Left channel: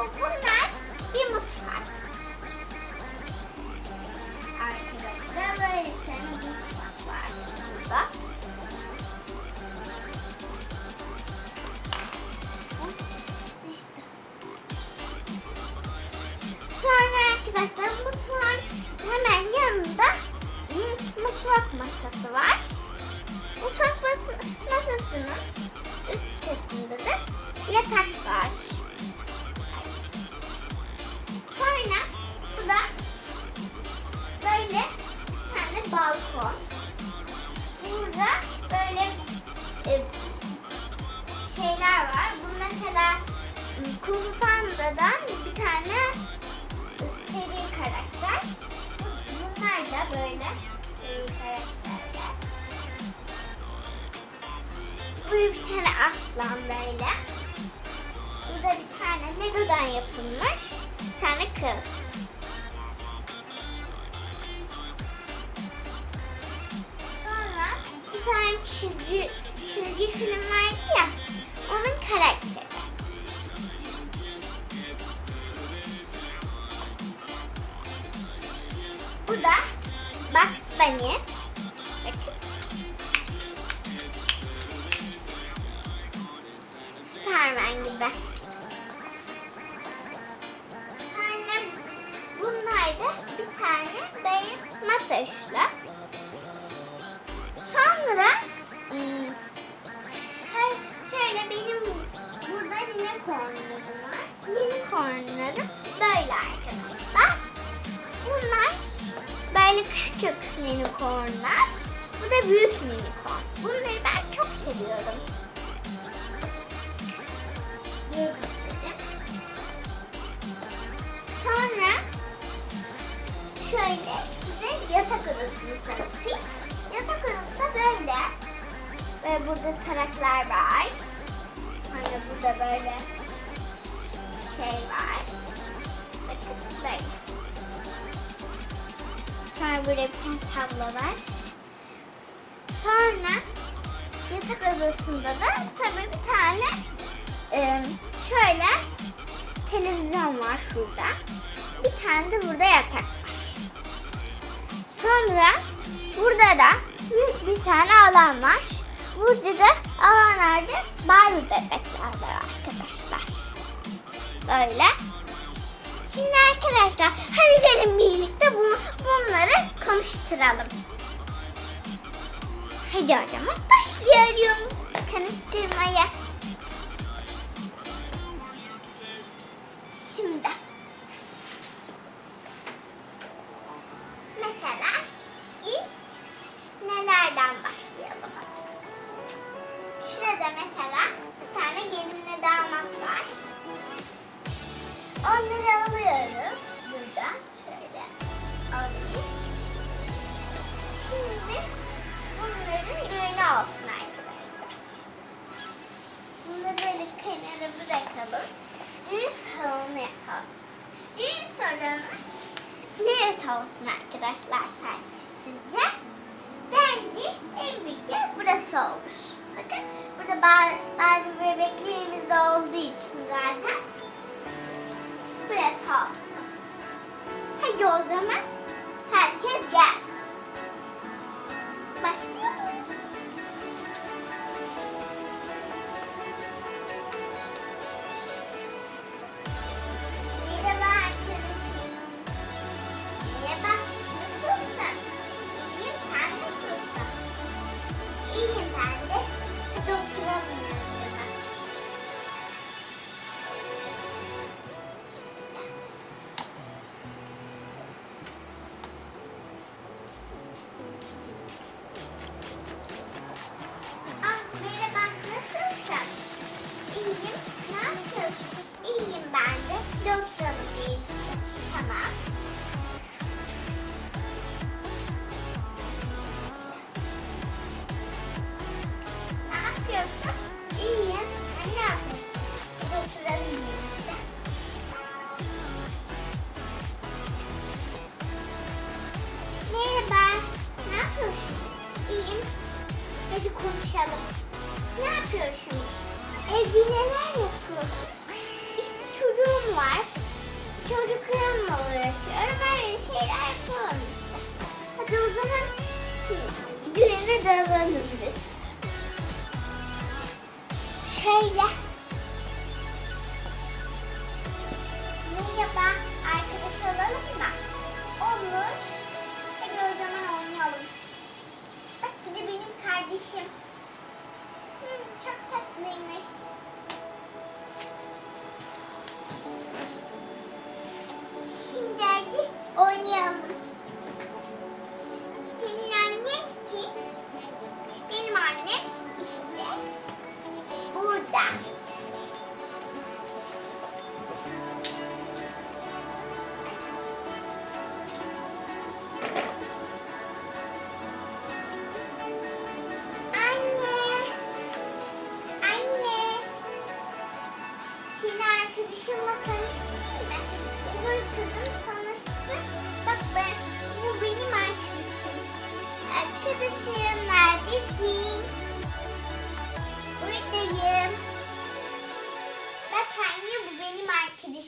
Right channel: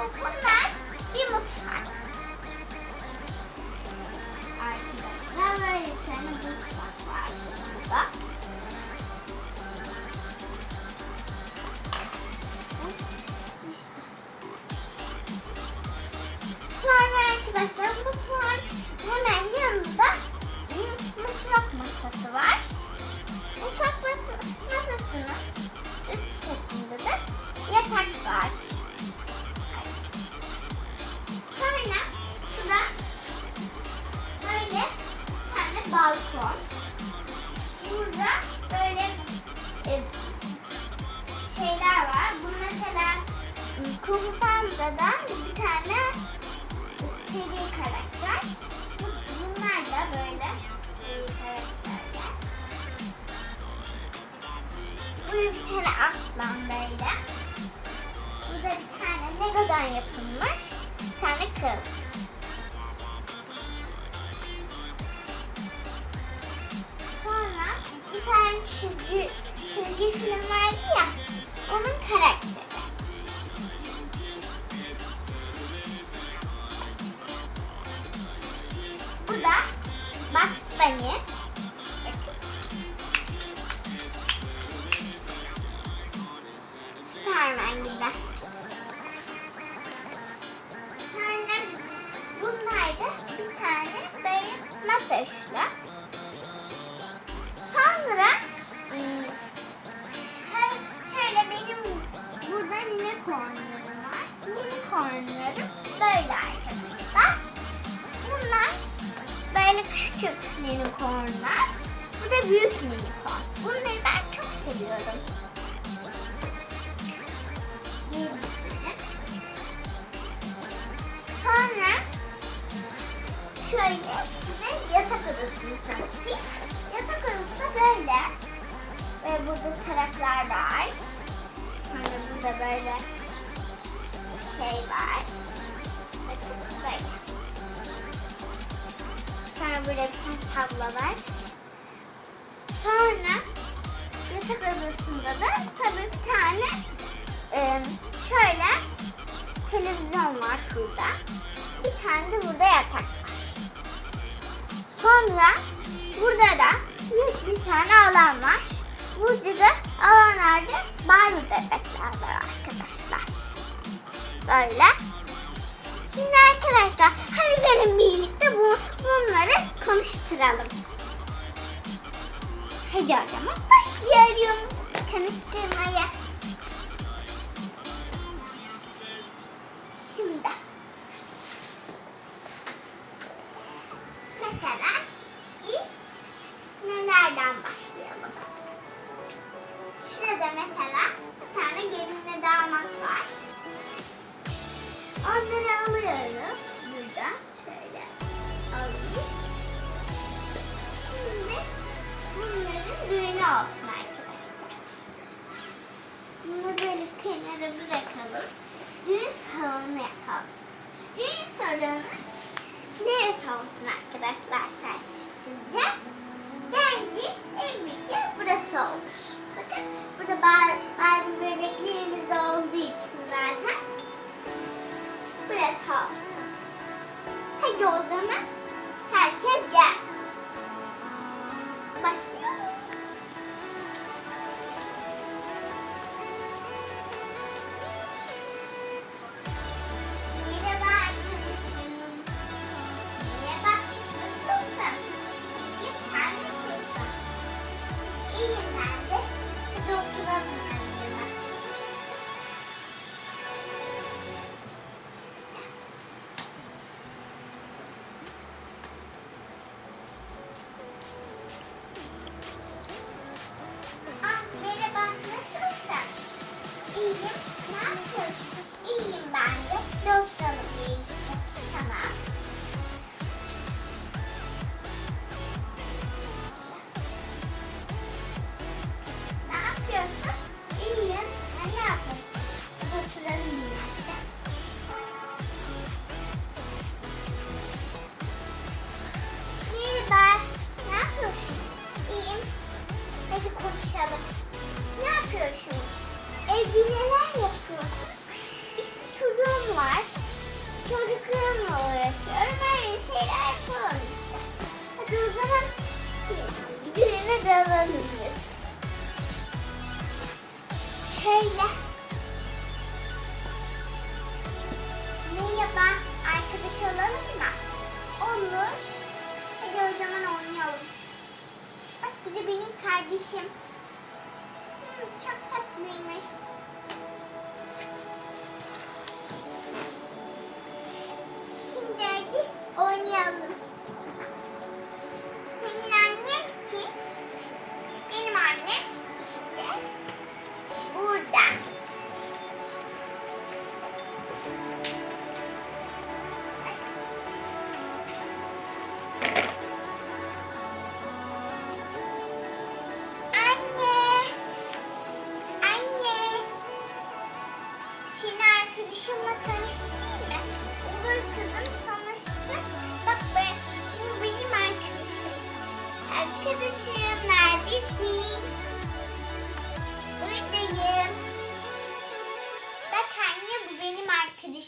Bunlar bir mutfak. Arkadaşlar böyle bir tane mutfak var. Bak. İşte. Şu an arkadaşlar mutfak hemen yanında bir mutfak masası var. Mutfak masasının üst kısmında da yatak var. Sonra bu da böyle bir tane balkon. Burada böyle e, şeyler var. Bu mesela Kung Panda'dan bir tane seri karakter. Bunlar da böyle e. Bu bir tane aslan böyle. Burada bir tane Lego'dan yapılmış tane kız. Sonra bir tane çizgi, çizgi film vardı ya, onun karakteri. Bu da Bugs Bunny. Superman gibi. Şöyle size yatak odasını tanıtayım. Yatak odası da böyle. Ve burada taraklar var. Sonra burada böyle şey var. Bakın böyle. Sonra böyle bir tane tablo var. Sonra yatak odasında da tabii bir tane e, şöyle televizyon var şurada. Bir tane de burada yatak var. Sonra burada da büyük bir tane alan var. Burada da alanlarda Barbie bebekler var arkadaşlar. Böyle. Şimdi arkadaşlar hadi gelin birlikte bu, bunları konuşturalım. Hadi o zaman başlayalım konuşturmaya. Bırakalım. Düğün salonu yapalım. Düğün salonu neresi olsun arkadaşlar sen, sizce? Bence en büyük yer burası olur. Bakın burada Bar- Barbie bebeklerimiz olduğu için zaten burası olsun. Hadi o zaman herkes gelsin. yaşamış. Ne yapıyorsunuz? Evde neler yapıyorsunuz? İşte çocuğum var. Çocuklarımla uğraşıyorum. Böyle şeyler falan işte. Hadi o zaman düğüne dalalım biz. Şöyle. oynayalım.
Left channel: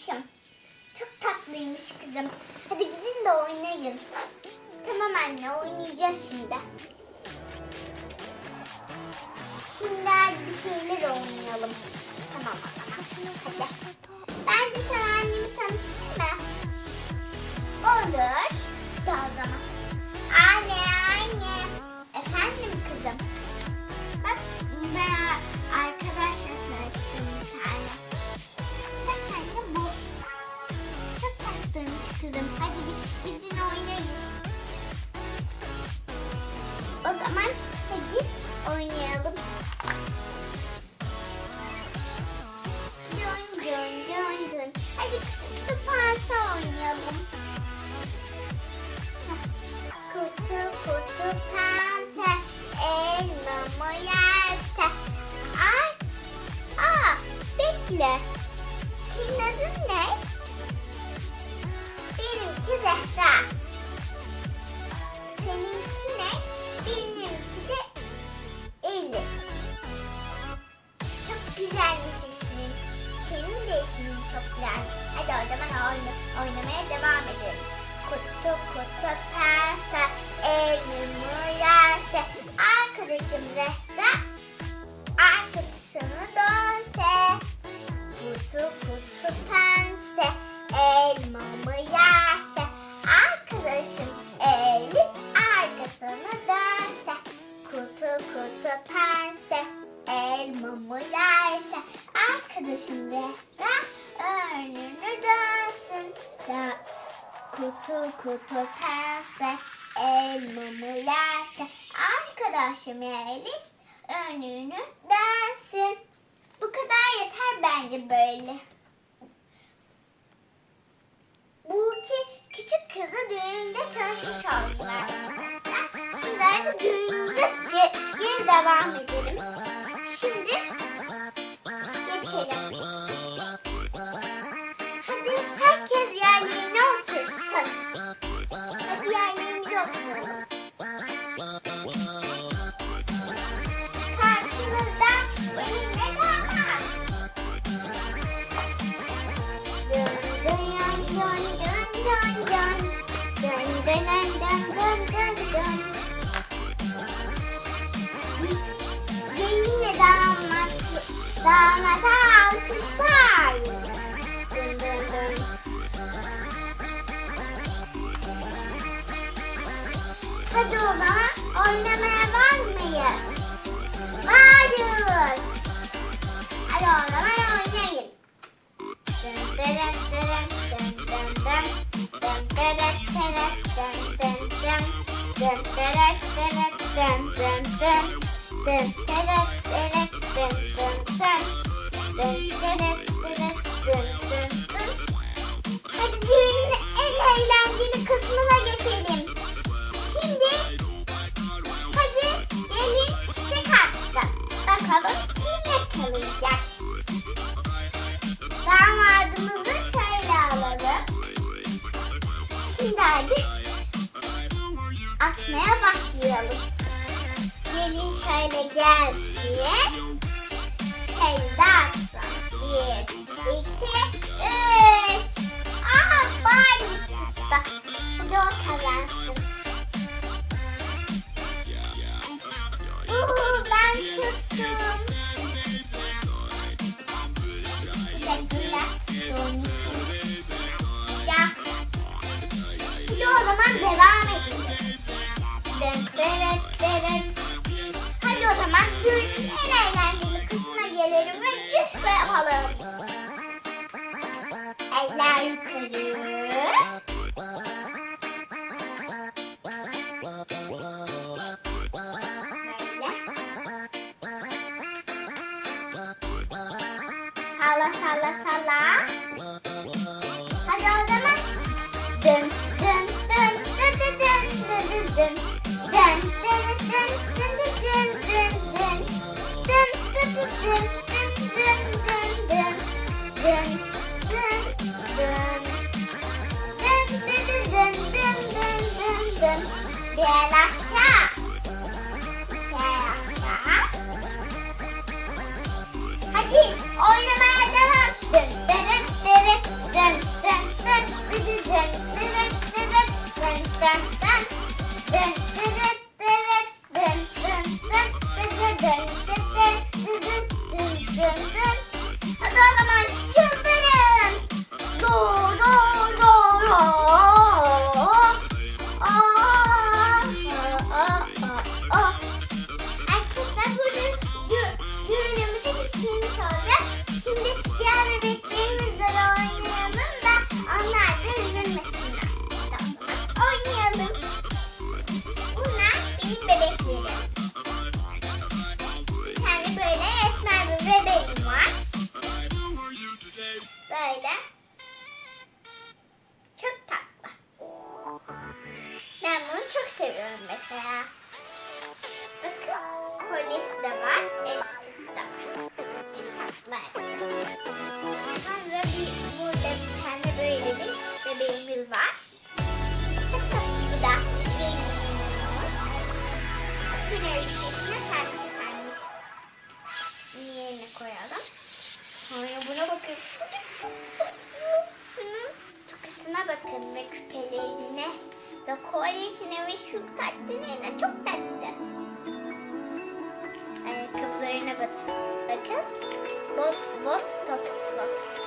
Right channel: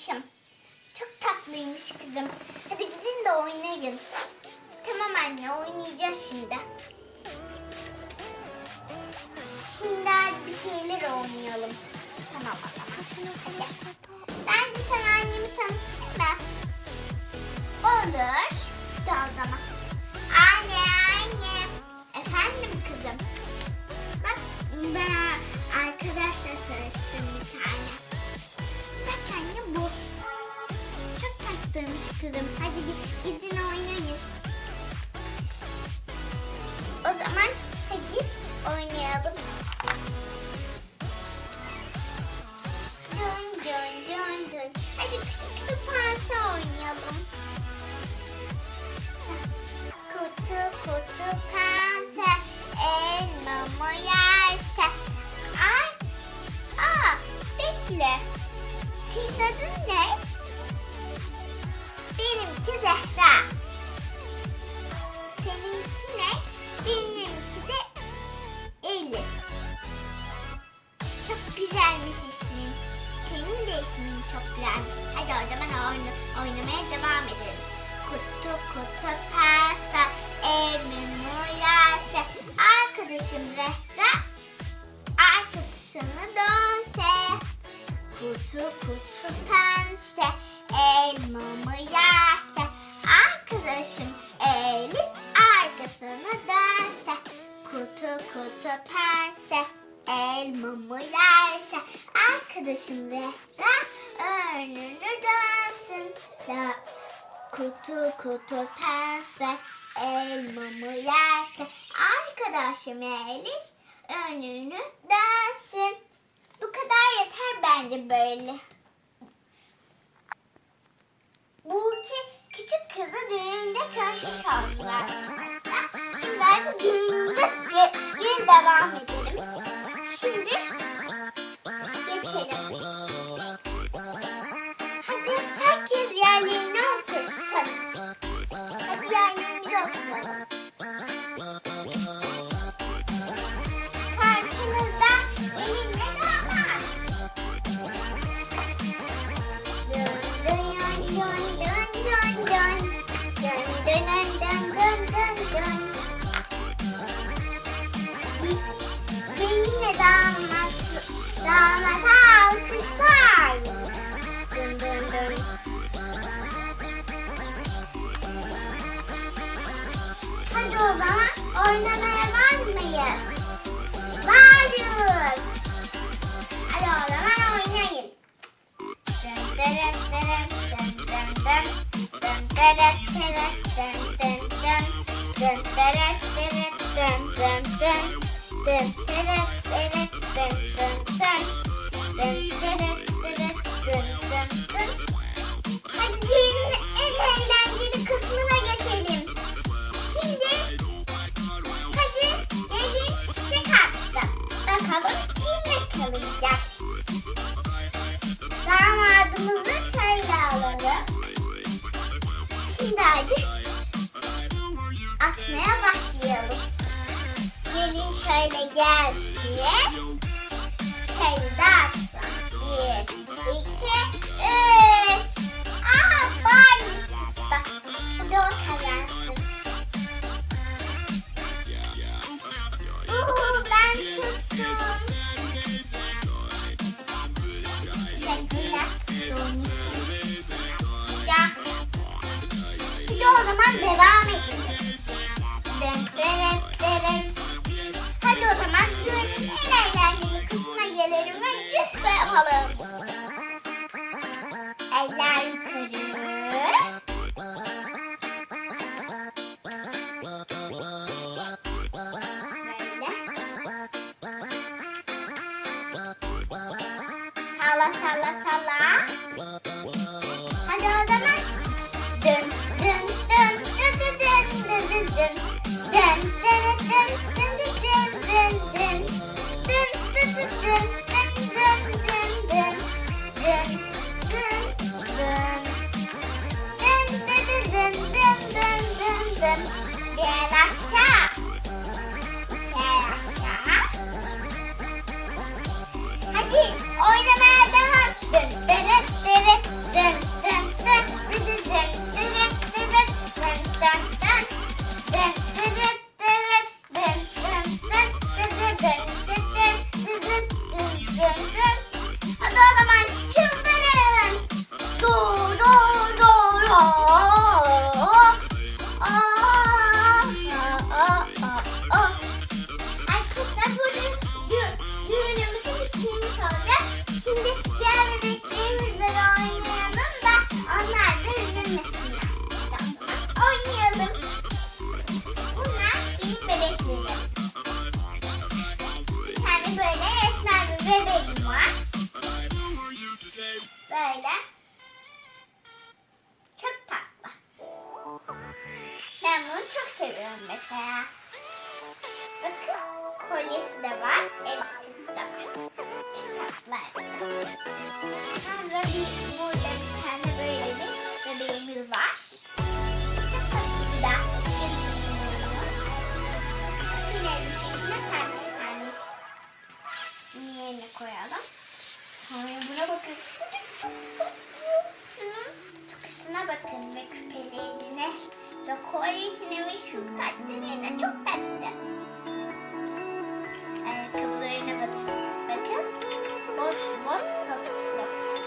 arkadaşım. Çok tatlıymış kızım. Hadi gidin de oynayın. Tamam anne oynayacağız şimdi. Şimdi bir şeyler oynayalım. Tamam. Hadi. Bence sen annemi tanıtayım mı? Olur. kızım. Hadi biz gidin oynayın. O zaman şimdi de arkasını dönse Kutu kutu pense elmamı yerse Arkadaşım Elif arkasını dönse Kutu kutu pense elmamı yerse Arkadaşım rehber önünü dönsün. Da Kutu kutu pense elmamı yerken arkadaşım Elif önünü dönsün. Bu kadar yeter bence böyle. Bu iki küçük kızı düğünde tanışmış oldular. Sizler de düğünde geri devam edelim. Şimdi şöyle gel diye kendi atsam. Bir, iki, üç. Aha bari tuttu. Bu da Sürücünün eğlenceli kısmına gelelim ve yüz koyalım. Eller yukarı. sala. Bir el aşağı. Bir el aşağı. Hadi oyna. bakın ve küpelerine ve kolyesine ve şu tatlılarına çok tatlı. Ayakkabılarına bakın. Bakın. Boz, boz, topuklu.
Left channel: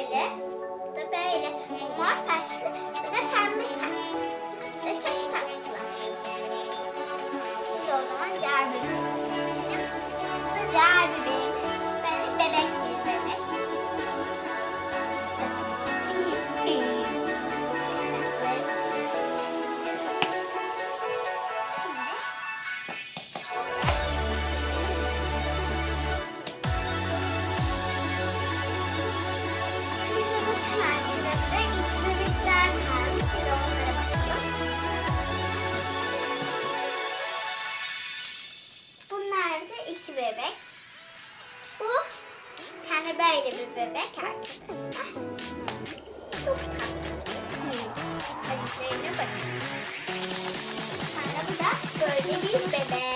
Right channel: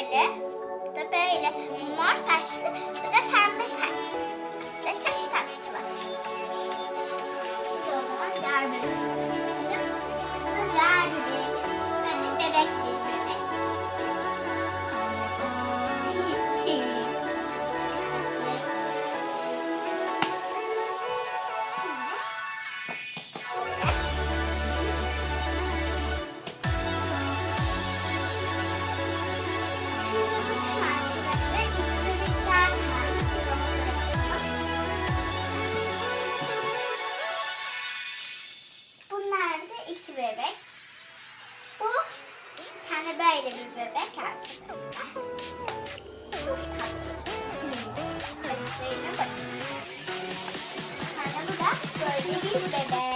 böyle. Bu da böyle. Bu mor saçlı. Bu da pembe saçlı. Bu da çok tatlı. Şimdi o zaman diğer bölüm. Bu da diğer bir. bir bebek arkadaşlar. Çok tatlı. Saçlarına bakın. Sonra bu da böyle bir bebek.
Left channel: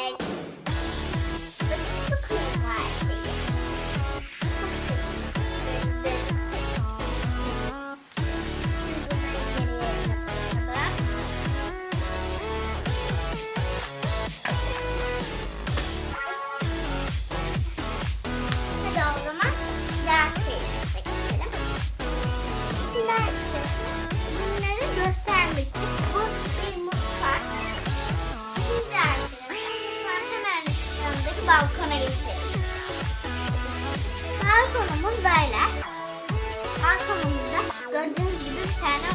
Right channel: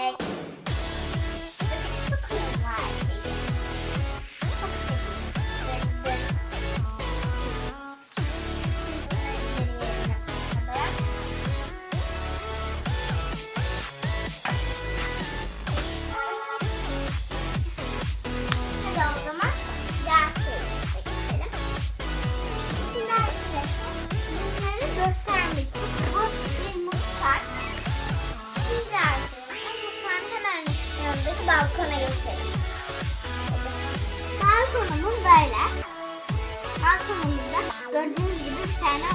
balkona göstereyim. Balkonumuz böyle. Balkonumuzda gördüğünüz gibi bir tane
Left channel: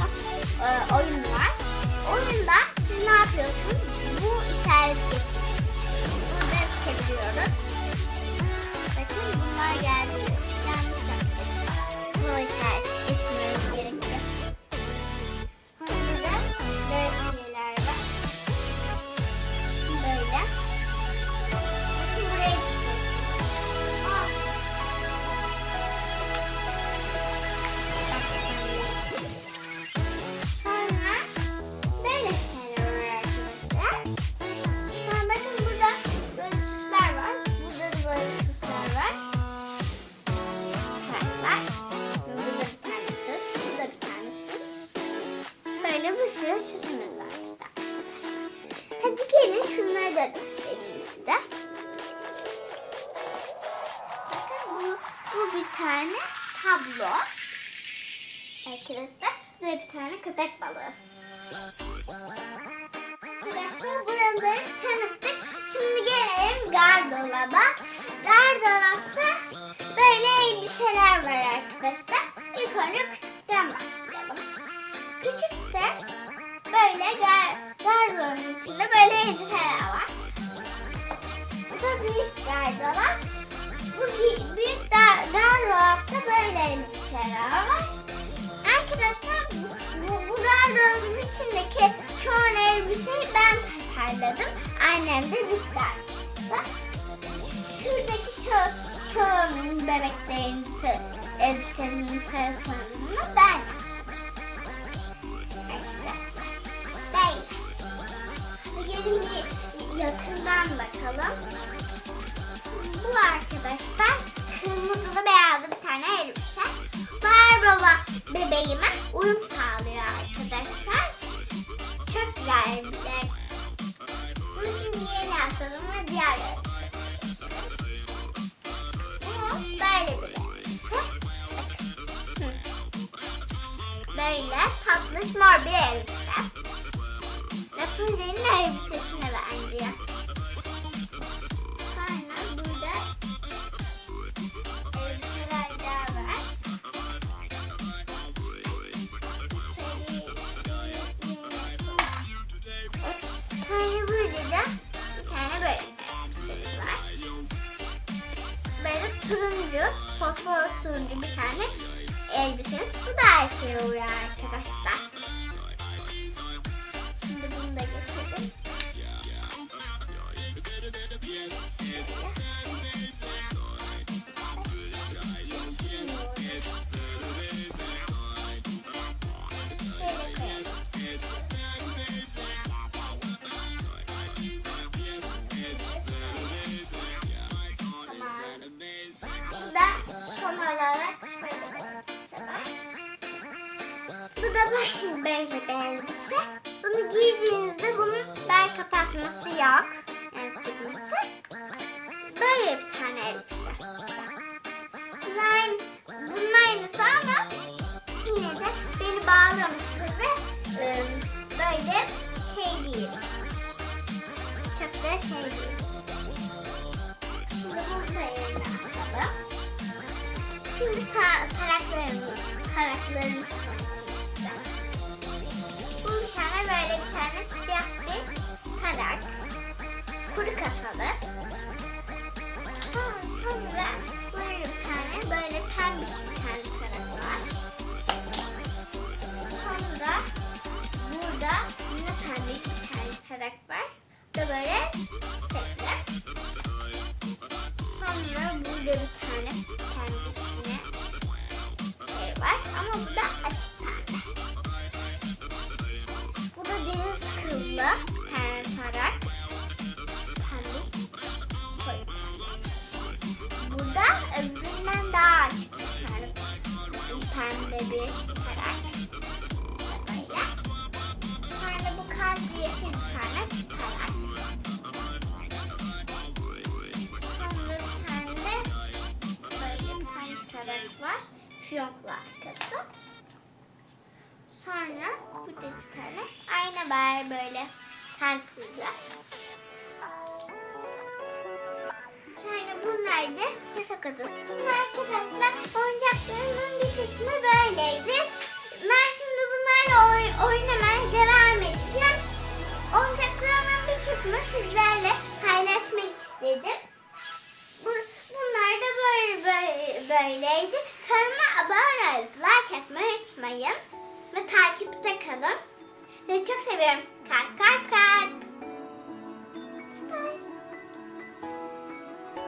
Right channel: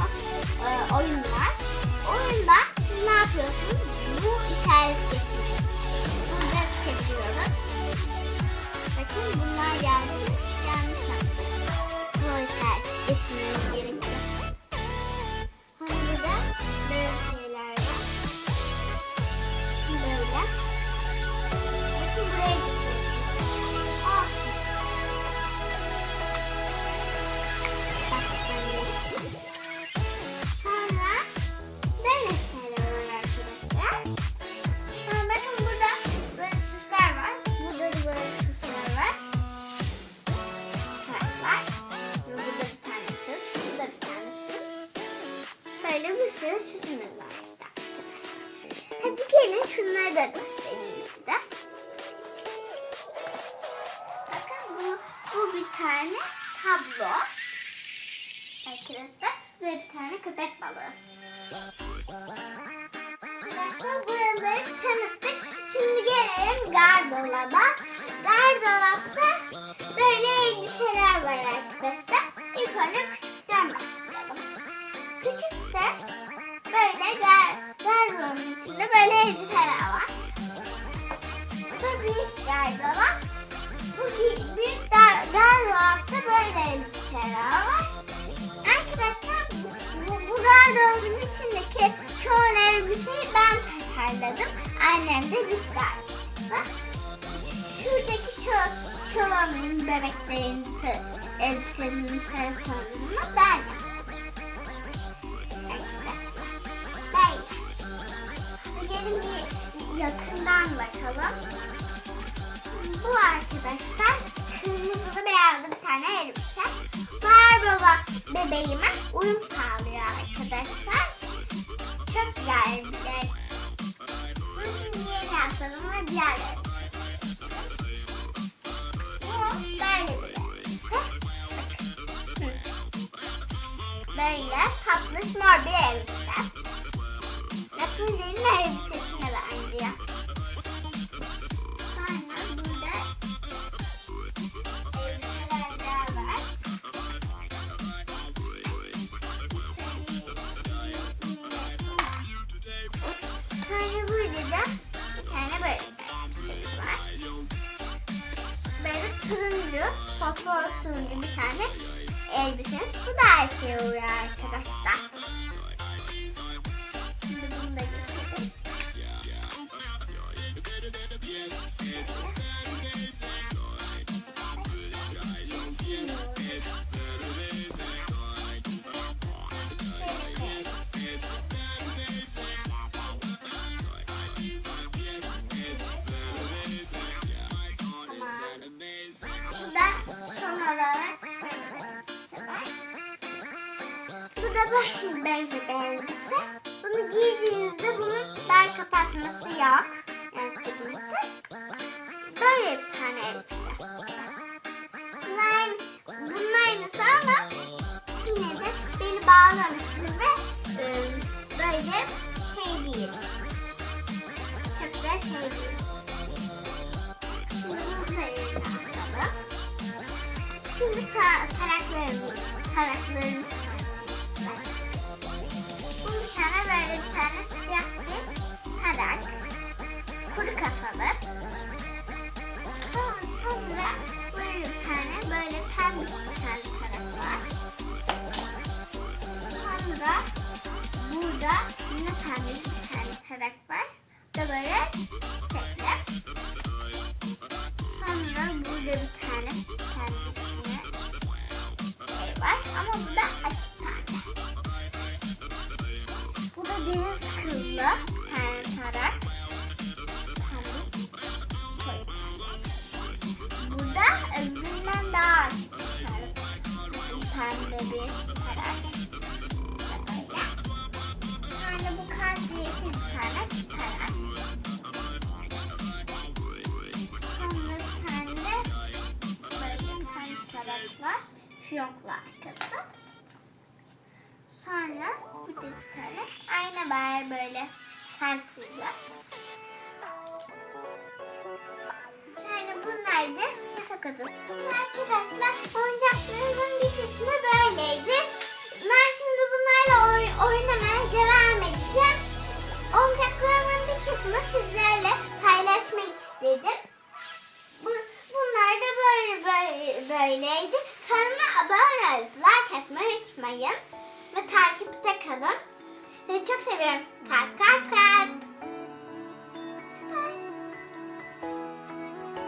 e, oyun var. Oyunda siz ne yapıyorsunuz? Bu işaret getiriyorsunuz. Burada çeviriyoruz. Bakın bunlar geldi. Küçükten başlayalım. Küçükte böyle gar gardolabın içinde böyle elbiseler var. Bu da büyük gardolap. Bu büyük dar gardolapta böyle elbiseler var. Arkadaşlar bu, bu gardırobun içindeki çoğu elbiseyi ben tasarladım. Annem de arkadaşlar. Şuradaki ço çoğunun bebeklerin elbisenin tasarımını ben yaptım. Gelin bir yakından bakalım. Bu arkadaşlar kırmızılı beyazlı bir tane elbise. Barbara bebeğime uyum sağlıyor arkadaşlar. Çok güzel şey. Bunu şimdi yeni yapalım diğer elbise. Tatlış mor bir elbise. Rapunzel'in elbisesine benziyor. Sonra burada elbiseler var. Sonra burada da bir tane böyle elbisemiz var. Böyle turuncu, fosfor turuncu bir tane elbisemiz. Bu da her şey oluyor arkadaşlar. Basic elbise. Bunu giydiğinizde bunun bel kapatması yok. Yani sıkması. Böyle bir tane elbise. Bunlar, bunun aynısı ama yine de beni bağlamıştır ve e, böyle şey değil. Çok da şey değil. Şimdi bunu da. Şimdi ka karakterimi, tane siyah bir karak. Kuru kafalı. Sonra, sonra böyle bir tane böyle pembiş bir tane karak var. Sonra burada yine pembiş bir tane karak var. Da böyle çiçekli. Sonra burada bir tane kendisine şey var ama bu da tane tarak. Pembe. koyu. Bu da öbüründen daha açık bir. Pembe bir tarak. Bu yeşil bir tane tarak. Sonra bir tane de var. Fiyonklu arkası. Sonra bir de bir tane ayna var böyle kalpli. Yani bunlar da yatak odası. Arkadaşlar oyuncaklarımın bir kısmı böyleydi. oynamaya devam edeceğim. Oyuncaklarımın bir kısmını sizlerle paylaşmak istedim. Bu, bunlar da böyle, böyle böyleydi. Kanalıma abone olup like atmayı unutmayın. Ve takipte kalın. Sizi çok seviyorum. Kalp kalp kalp.